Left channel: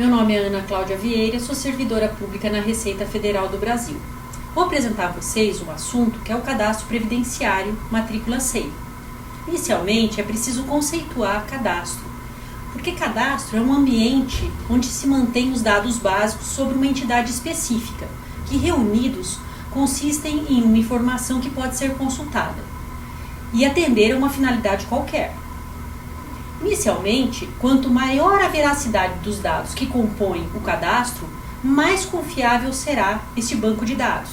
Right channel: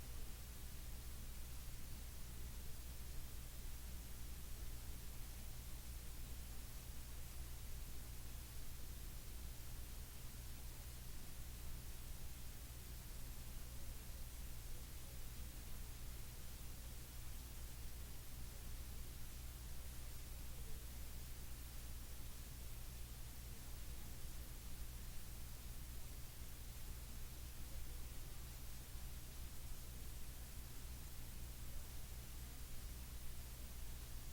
Meu nome é Ana Cláudia Vieira, sou servidora pública na Receita Federal do Brasil. Vou apresentar a vocês um assunto que é o cadastro previdenciário matrícula SEI. Inicialmente, é preciso conceituar cadastro, porque cadastro é um ambiente onde se mantém os dados básicos sobre uma entidade específica, que reunidos consistem em uma informação que pode ser consultada e atender a uma finalidade qualquer. Inicialmente, quanto maior a veracidade dos dados que compõem o cadastro, mais confiável será este banco de dados.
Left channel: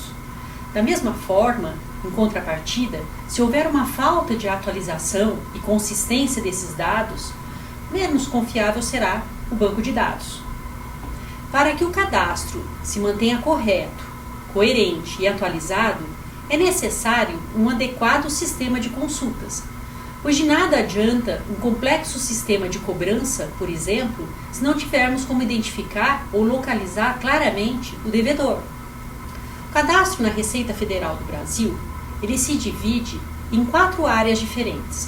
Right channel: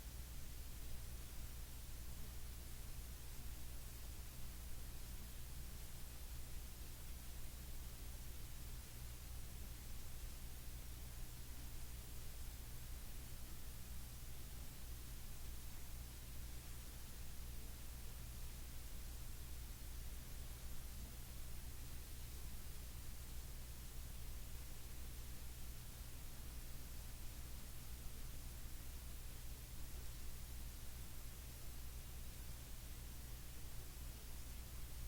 Da mesma forma, em contrapartida, se houver uma falta de atualização e consistência desses dados, menos confiável será o banco de dados. Para que o cadastro se mantenha correto, coerente e atualizado, é necessário um adequado sistema de consultas, pois de nada adianta um complexo sistema de cobrança, por exemplo, se não tivermos como identificar ou localizar claramente o devedor. O cadastro na Receita Federal do Brasil, ele se divide em 4 áreas diferentes.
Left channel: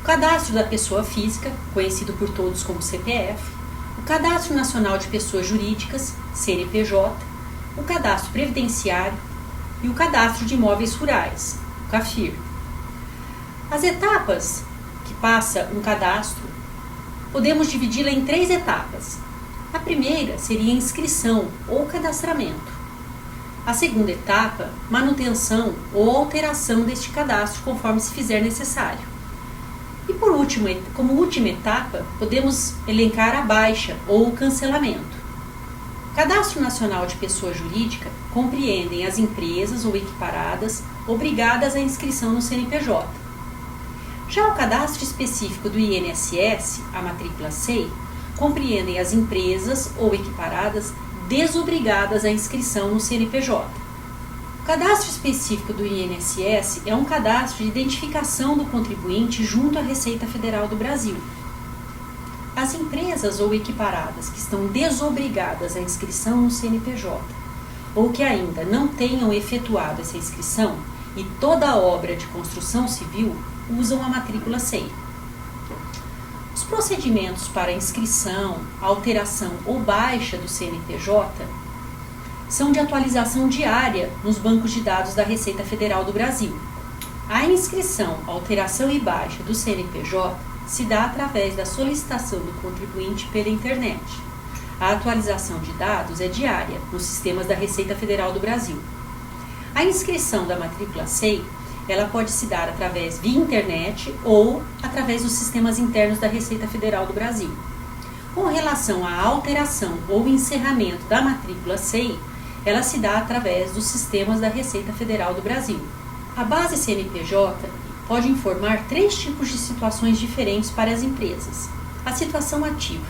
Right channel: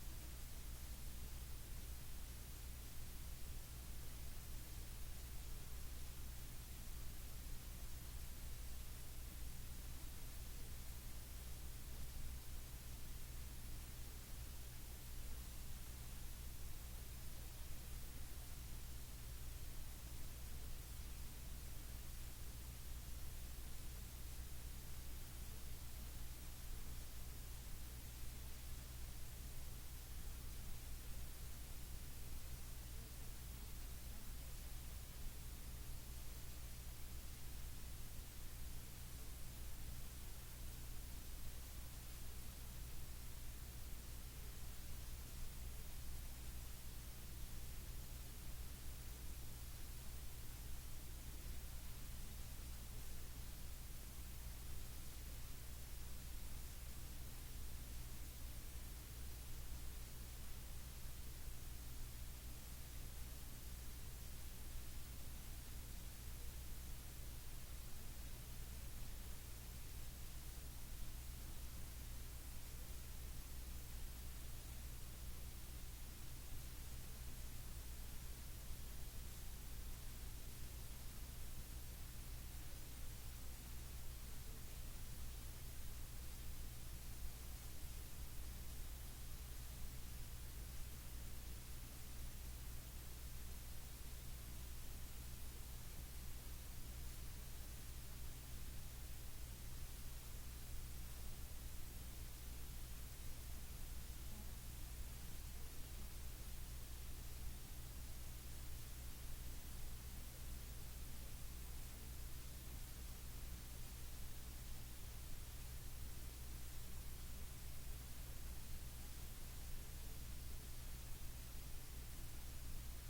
O cadastro da pessoa física, conhecido por todos como CPF, o cadastro nacional de pessoas jurídicas, CNPJ, o cadastro previdenciário e o cadastro de imóveis rurais, o CAFIR. As etapas que passa um cadastro, podemos dividi-la em 3 etapas. A primeira seria a inscrição ou cadastramento. A segunda etapa, manutenção ou alteração deste cadastro conforme se fizer necessário. E por último, como última etapa, podemos elencar a baixa ou o cancelamento. O Cadastro Nacional de Pessoa Jurídica compreendem as empresas ou equiparadas obrigadas à inscrição no CNPJ. Já o cadastro específico do INSS, a matrícula SEI, compreendem as empresas ou equiparadas desobrigadas à inscrição no CNPJ. O cadastro específico do INSS é um cadastro de identificação do contribuinte junto à Receita Federal do Brasil. As empresas ou equiparadas que estão desobrigadas à inscrição no CNPJ ou que ainda não tenham efetuado essa inscrição e toda a obra de construção civil usam a matrícula SEI. Os procedimentos para inscrição, alteração ou baixa do CNPJ são de atualização diária nos bancos de dados da Receita Federal do Brasil. A inscrição, alteração e baixa do CNPJ se dá através da solicitação do contribuinte pela internet. A atualização de dados é diária nos sistemas da Receita Federal do Brasil. A inscrição da matrícula SEI ela pode se dar através via internet ou através dos sistemas internos da Receita Federal do Brasil. Com relação à alteração ou encerramento da matrícula SEI, ela se dá através dos sistemas da Receita Federal do Brasil. A base CNPJ pode informar 3 tipos de situações diferentes para as empresas. A situação ativa.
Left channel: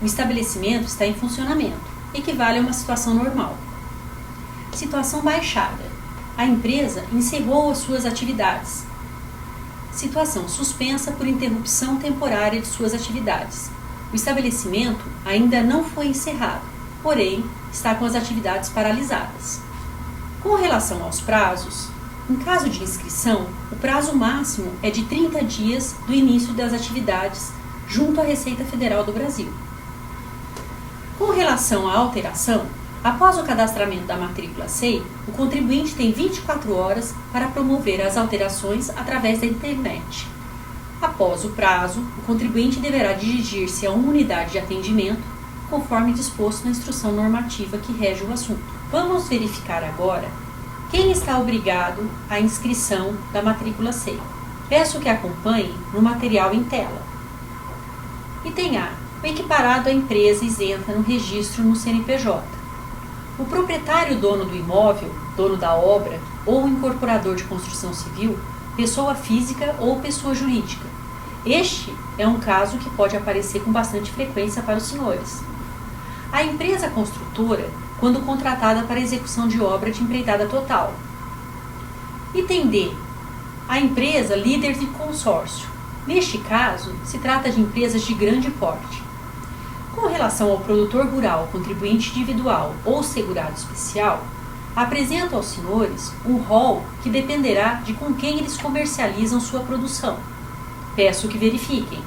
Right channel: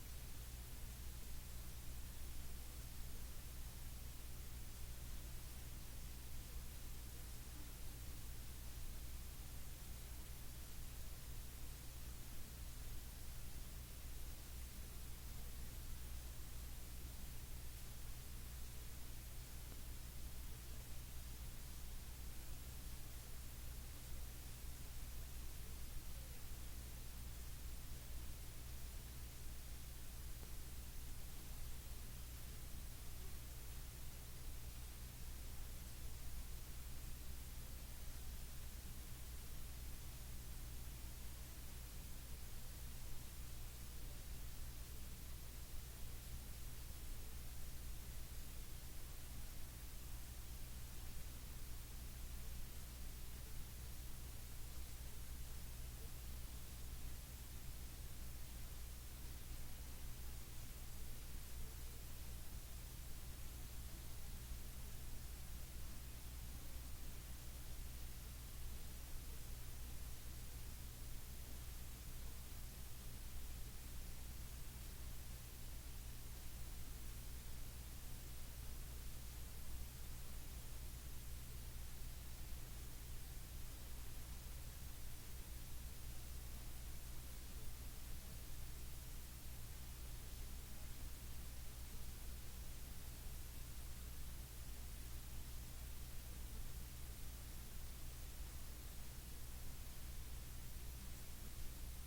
O estabelecimento está em funcionamento, equivale a uma situação normal. Situação baixada. A empresa encerrou as suas atividades. Situação suspensa por interrupção temporária de suas atividades. O estabelecimento ainda não foi encerrado, porém está com as atividades paralisadas. Com relação aos prazos, em caso de inscrição, o prazo máximo é de 30 dias do início das atividades junto à Receita Federal do Brasil. Com relação à alteração, após o cadastramento da matrícula SEI, o contribuinte tem 24 horas para promover as alterações através da internet. Após o prazo, o contribuinte deverá dirigir-se a uma unidade de atendimento, conforme disposto na instrução normativa que rege o assunto. Vamos verificar agora quem está obrigado à inscrição da matrícula SEI. Peço que acompanhe no material em tela. Item A. O equiparado à empresa isenta no registro no CNPJ. O proprietário dono do imóvel, dono da obra ou incorporador de construção civil, pessoa física ou pessoa jurídica. Este é um caso que pode aparecer com bastante frequência para os senhores. A empresa construtora, quando contratada para execução de obra de empreitada total. Item D. A empresa líder de consórcio. Neste caso, se trata de empresas de grande porte. Com relação ao produtor rural, contribuinte individual ou segurado especial, apresento aos senhores um rol que dependerá de com quem eles comercializam sua produção. Peço que verifiquem.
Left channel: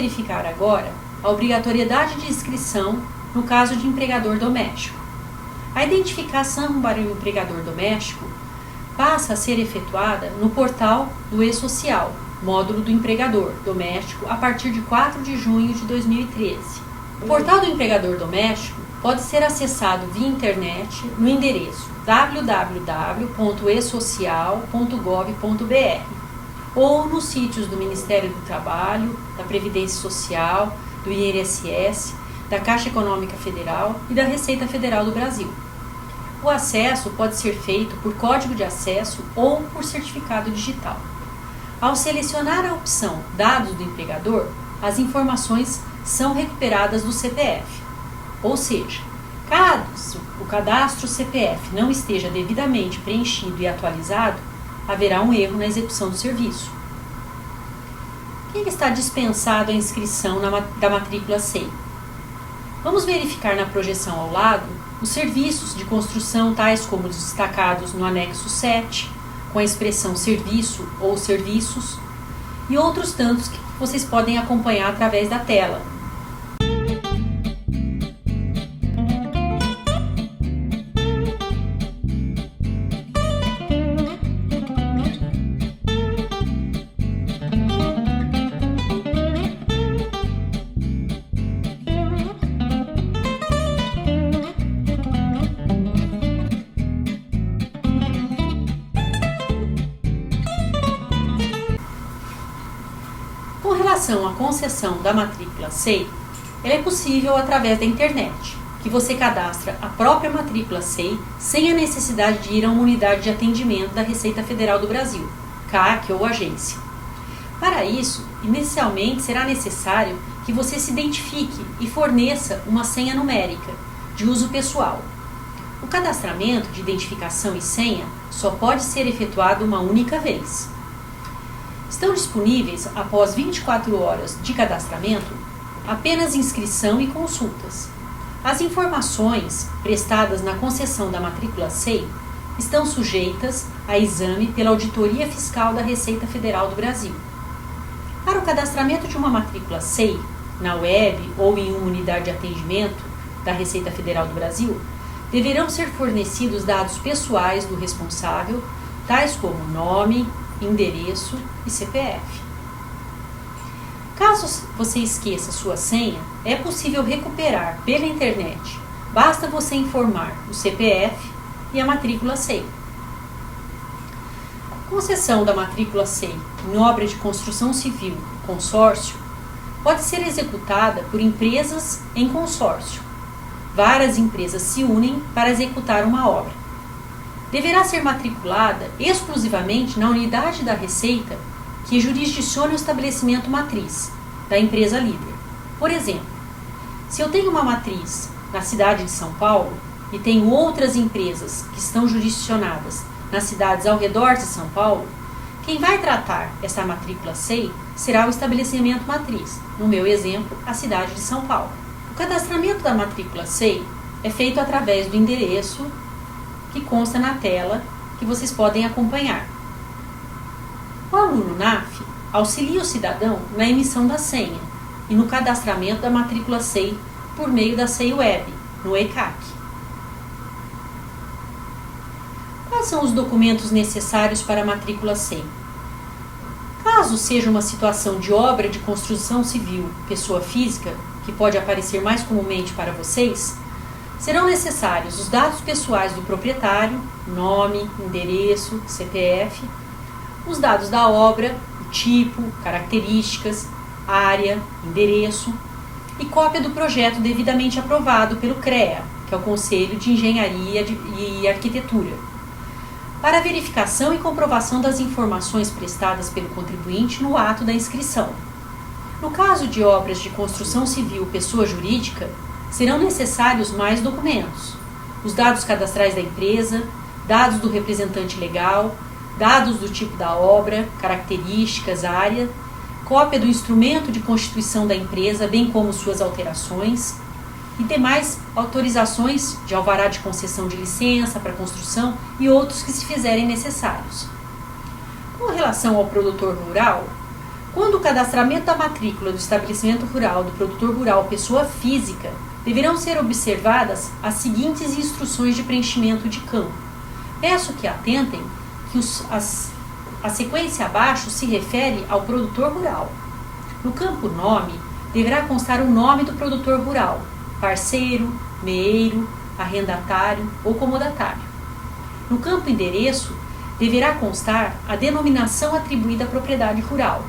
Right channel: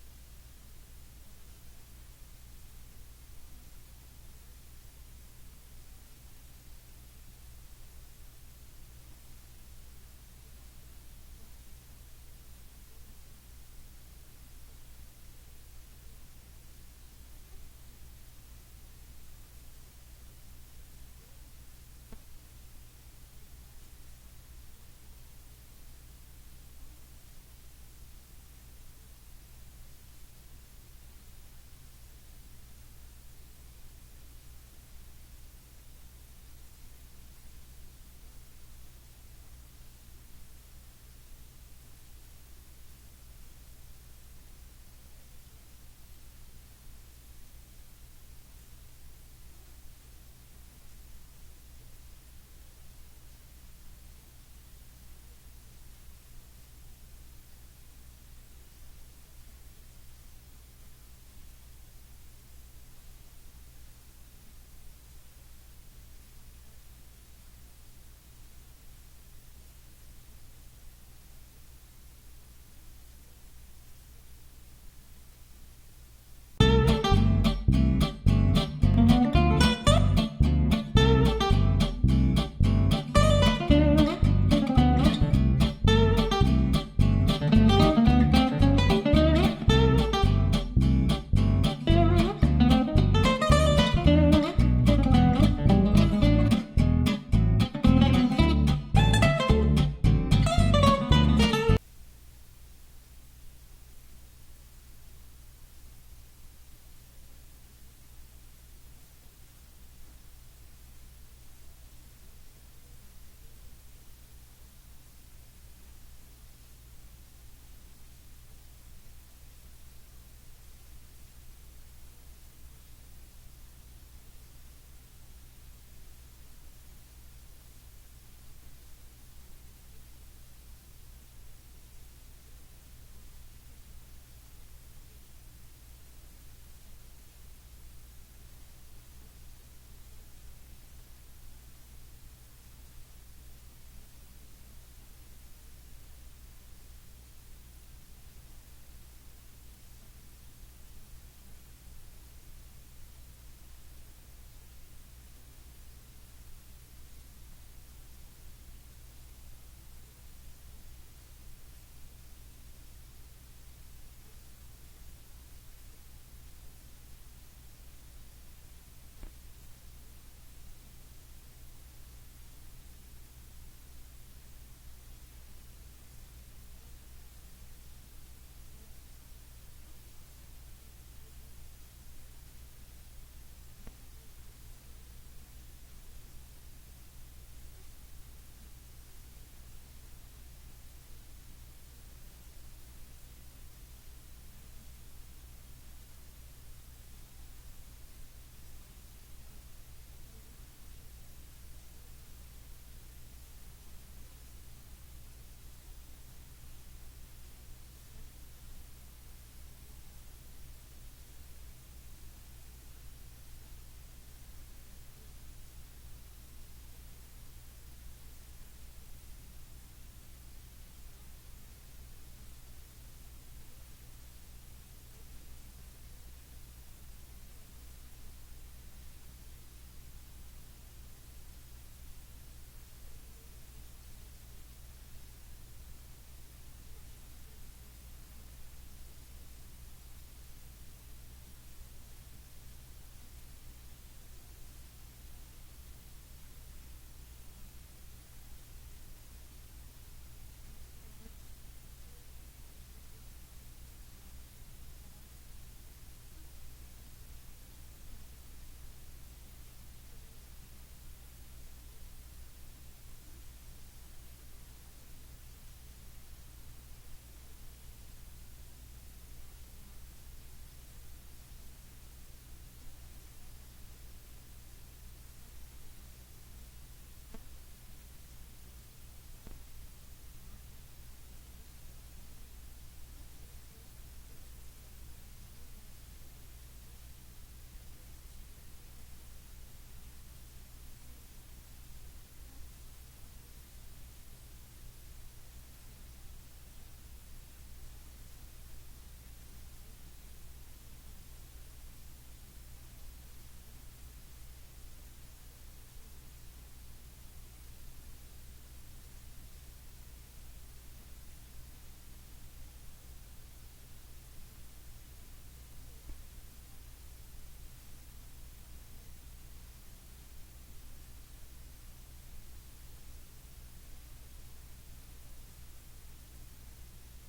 verificar agora a obrigatoriedade de inscrição no caso de empregador doméstico. A identificação para o empregador doméstico passa a ser efetuada no portal do E-Social, módulo do empregador doméstico, a partir de 4 de junho de 2013. O portal do empregador doméstico pode ser acessado via internet no endereço www.esocial.gov.br ou nos sítios do Ministério do Trabalho, da Previdência Social, do INSS, da Caixa Econômica Federal e da Receita Federal do Brasil. O acesso pode ser feito por código de acesso ou por certificado digital. Ao selecionar a opção Dados do empregador, as informações são recuperadas do CPF. Ou seja, caso o cadastro CPF não esteja devidamente preenchido e atualizado, haverá um erro na execução do serviço. Quem está dispensado a inscrição da matrícula SEI? Vamos verificar na projeção ao lado os serviços de construção, tais como os destacados no anexo 7, com a expressão serviço ou serviços, e outros tantos que vocês podem acompanhar através da tela. Com relação à concessão da matrícula SEI, ela é possível através da internet, que você cadastra a própria matrícula SEI sem a necessidade de ir a uma unidade de atendimento da Receita Federal do Brasil, CAC ou agência. Para isso, inicialmente será necessário que você se identifique e forneça uma senha numérica, de uso pessoal. O cadastramento de identificação e senha só pode ser efetuado uma única vez. Estão disponíveis, após 24 horas de cadastramento, apenas inscrição e consultas. As informações prestadas na concessão da matrícula SEI estão sujeitas a exame pela Auditoria Fiscal da Receita Federal do Brasil. Para o cadastramento de uma matrícula SEI, na web ou em uma unidade de atendimento da Receita Federal do Brasil, deverão ser fornecidos dados pessoais do responsável, tais como nome, endereço e CPF. Caso você esqueça sua senha, é possível recuperar pela internet. Basta você informar o CPF e a matrícula SEI. A concessão da matrícula SEI em obra de construção civil, consórcio, pode ser executada por empresas em consórcio. Várias empresas se unem para executar uma obra. Deverá ser matriculada exclusivamente na unidade da Receita que jurisdicione o estabelecimento matriz da empresa líder. Por exemplo, se eu tenho uma matriz na cidade de São Paulo e tenho outras empresas que estão jurisdicionadas nas cidades ao redor de São Paulo, quem vai tratar essa matrícula SEI será o estabelecimento matriz, no meu exemplo, a cidade de São Paulo. O cadastramento da matrícula SEI é feito através do endereço que consta na tela, que vocês podem acompanhar. O aluno NAF auxilia o cidadão na emissão da senha e no cadastramento da matrícula SEI por meio da SEI Web, no ECAC. Quais são os documentos necessários para a matrícula SEI? Caso seja uma situação de obra de construção civil, pessoa física, que pode aparecer mais comumente para vocês, serão necessários os dados pessoais do proprietário, nome, endereço, CPF, os dados da obra, o tipo, características, área, endereço e cópia do projeto devidamente aprovado pelo CREA, que é o Conselho de Engenharia e Arquitetura, para verificação e comprovação das informações prestadas pelo contribuinte no ato da inscrição. No caso de obras de construção civil pessoa jurídica, serão necessários mais documentos: os dados cadastrais da empresa, dados do representante legal, dados do tipo da obra, características, área, cópia do instrumento de constituição da empresa, bem como suas alterações, e demais autorizações de alvará de concessão de licença para construção e outros que se fizerem necessários. Com relação ao produtor rural, Quando o cadastramento da matrícula do estabelecimento rural do produtor rural pessoa física, deverão ser observadas as seguintes instruções de preenchimento de campo. Peço que atentem que a sequência abaixo se refere ao produtor rural. No campo nome, deverá constar o nome do produtor rural, parceiro, meeiro, arrendatário ou comodatário. No campo endereço, deverá constar a denominação atribuída à propriedade rural.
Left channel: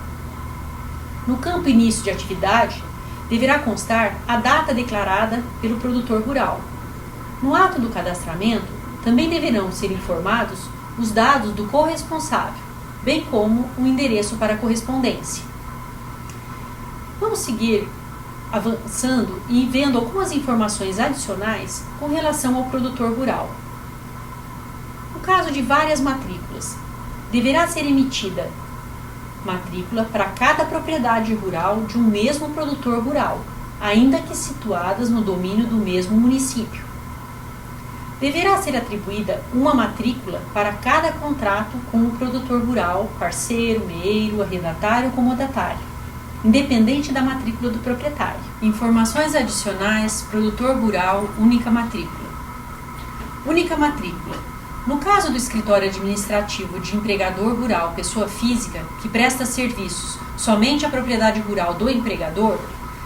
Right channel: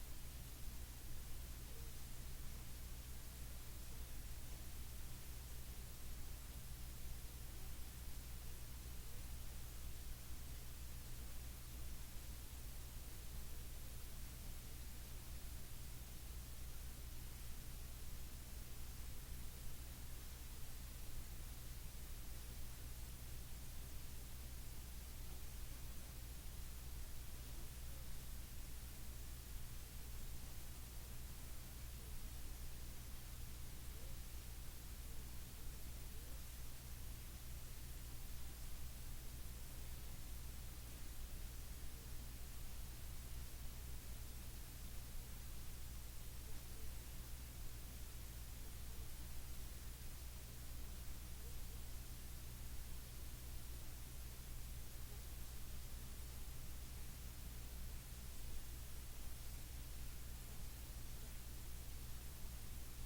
No campo início de atividade, deverá constar a data declarada pelo produtor rural. No ato do cadastramento, também deverão ser informados os dados do corresponsável, bem como o endereço para correspondência. Vamos seguir avançando e vendo algumas informações adicionais com relação ao produtor rural. No caso de várias matrículas, deverá ser emitida matrícula para cada propriedade rural de um mesmo produtor rural, ainda que situadas no domínio do mesmo município. Deverá ser atribuída uma matrícula para cada contrato com o produtor rural, parceiro, meeiro, arrendatário ou comodatário, independente da matrícula do proprietário. Informações adicionais: produtor rural, única matrícula. Única matrícula. No caso do escritório administrativo de empregador rural pessoa física que presta serviços somente à propriedade rural do empregador,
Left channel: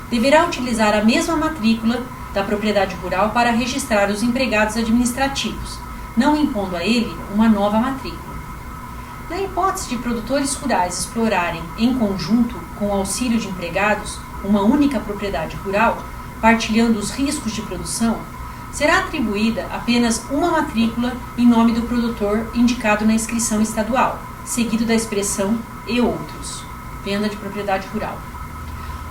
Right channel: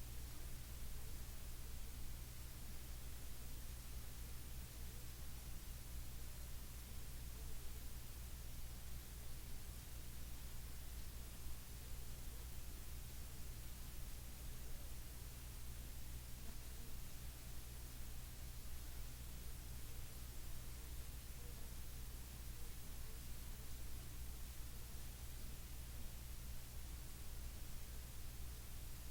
deverá utilizar a mesma matrícula da propriedade rural para registrar os empregados administrativos, não impondo a ele uma nova matrícula. Na hipótese de produtores rurais explorarem, em conjunto com o auxílio de empregados, uma única propriedade rural, partilhando os riscos de produção, será atribuída apenas uma matrícula em nome do produtor indicado na inscrição estadual, seguido da expressão "e outros", venda de propriedade rural.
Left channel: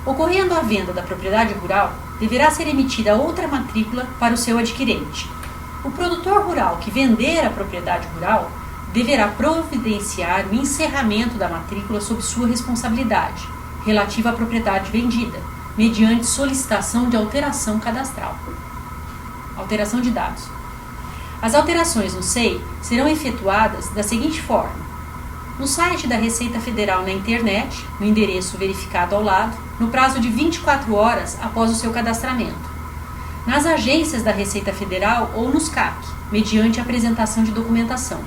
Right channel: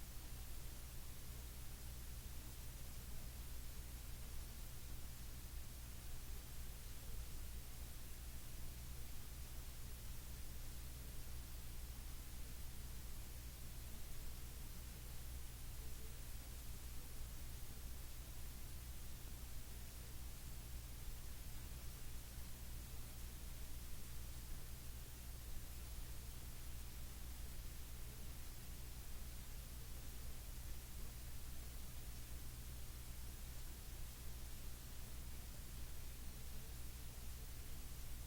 Ocorrendo a venda da propriedade rural, deverá ser emitida outra matrícula para o seu adquirente. O produtor rural que vender a propriedade rural deverá providenciar o encerramento da matrícula sob sua responsabilidade, relativa à propriedade vendida, mediante solicitação de alteração cadastral. Alteração de dados. As alterações no SEI serão efetuadas da seguinte forma: no site da Receita Federal na internet, no endereço verificado ao lado, no prazo de 24 horas após o seu cadastramento, nas agências da Receita Federal ou nos CAC, mediante apresentação de documentação,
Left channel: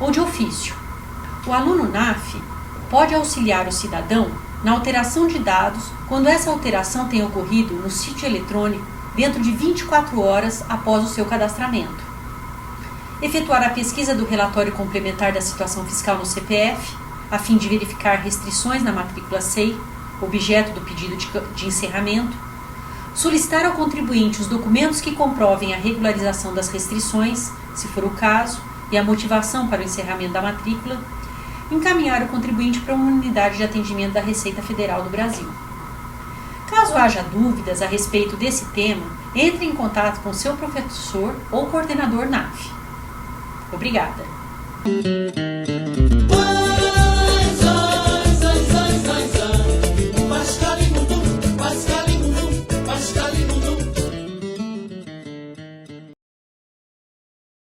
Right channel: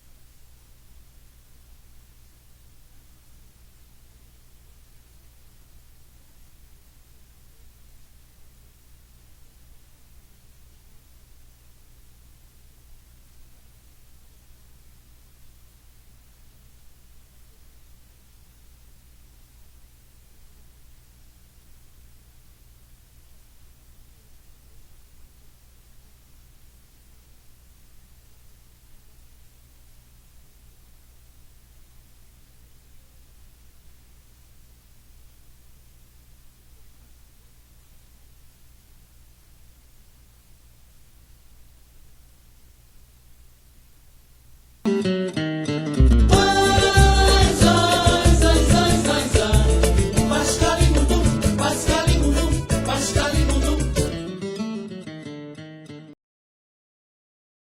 ou de ofício. O aluno NAF pode auxiliar o cidadão na alteração de dados quando essa alteração tenha ocorrido no sítio eletrônico dentro de 24 horas após o seu cadastramento. Efetuar a pesquisa do relatório complementar da situação fiscal no CPF, a fim de verificar restrições na matrícula SEI, objeto do pedido de encerramento. Solicitar ao contribuinte os documentos que comprovem a regularização das restrições, se for o caso, e a motivação para o encerramento da matrícula. Encaminhar o contribuinte para uma unidade de atendimento da Receita Federal do Brasil. Caso haja dúvidas a respeito desse tema, entre em contato com seu professor ou coordenador NAF. Obrigada.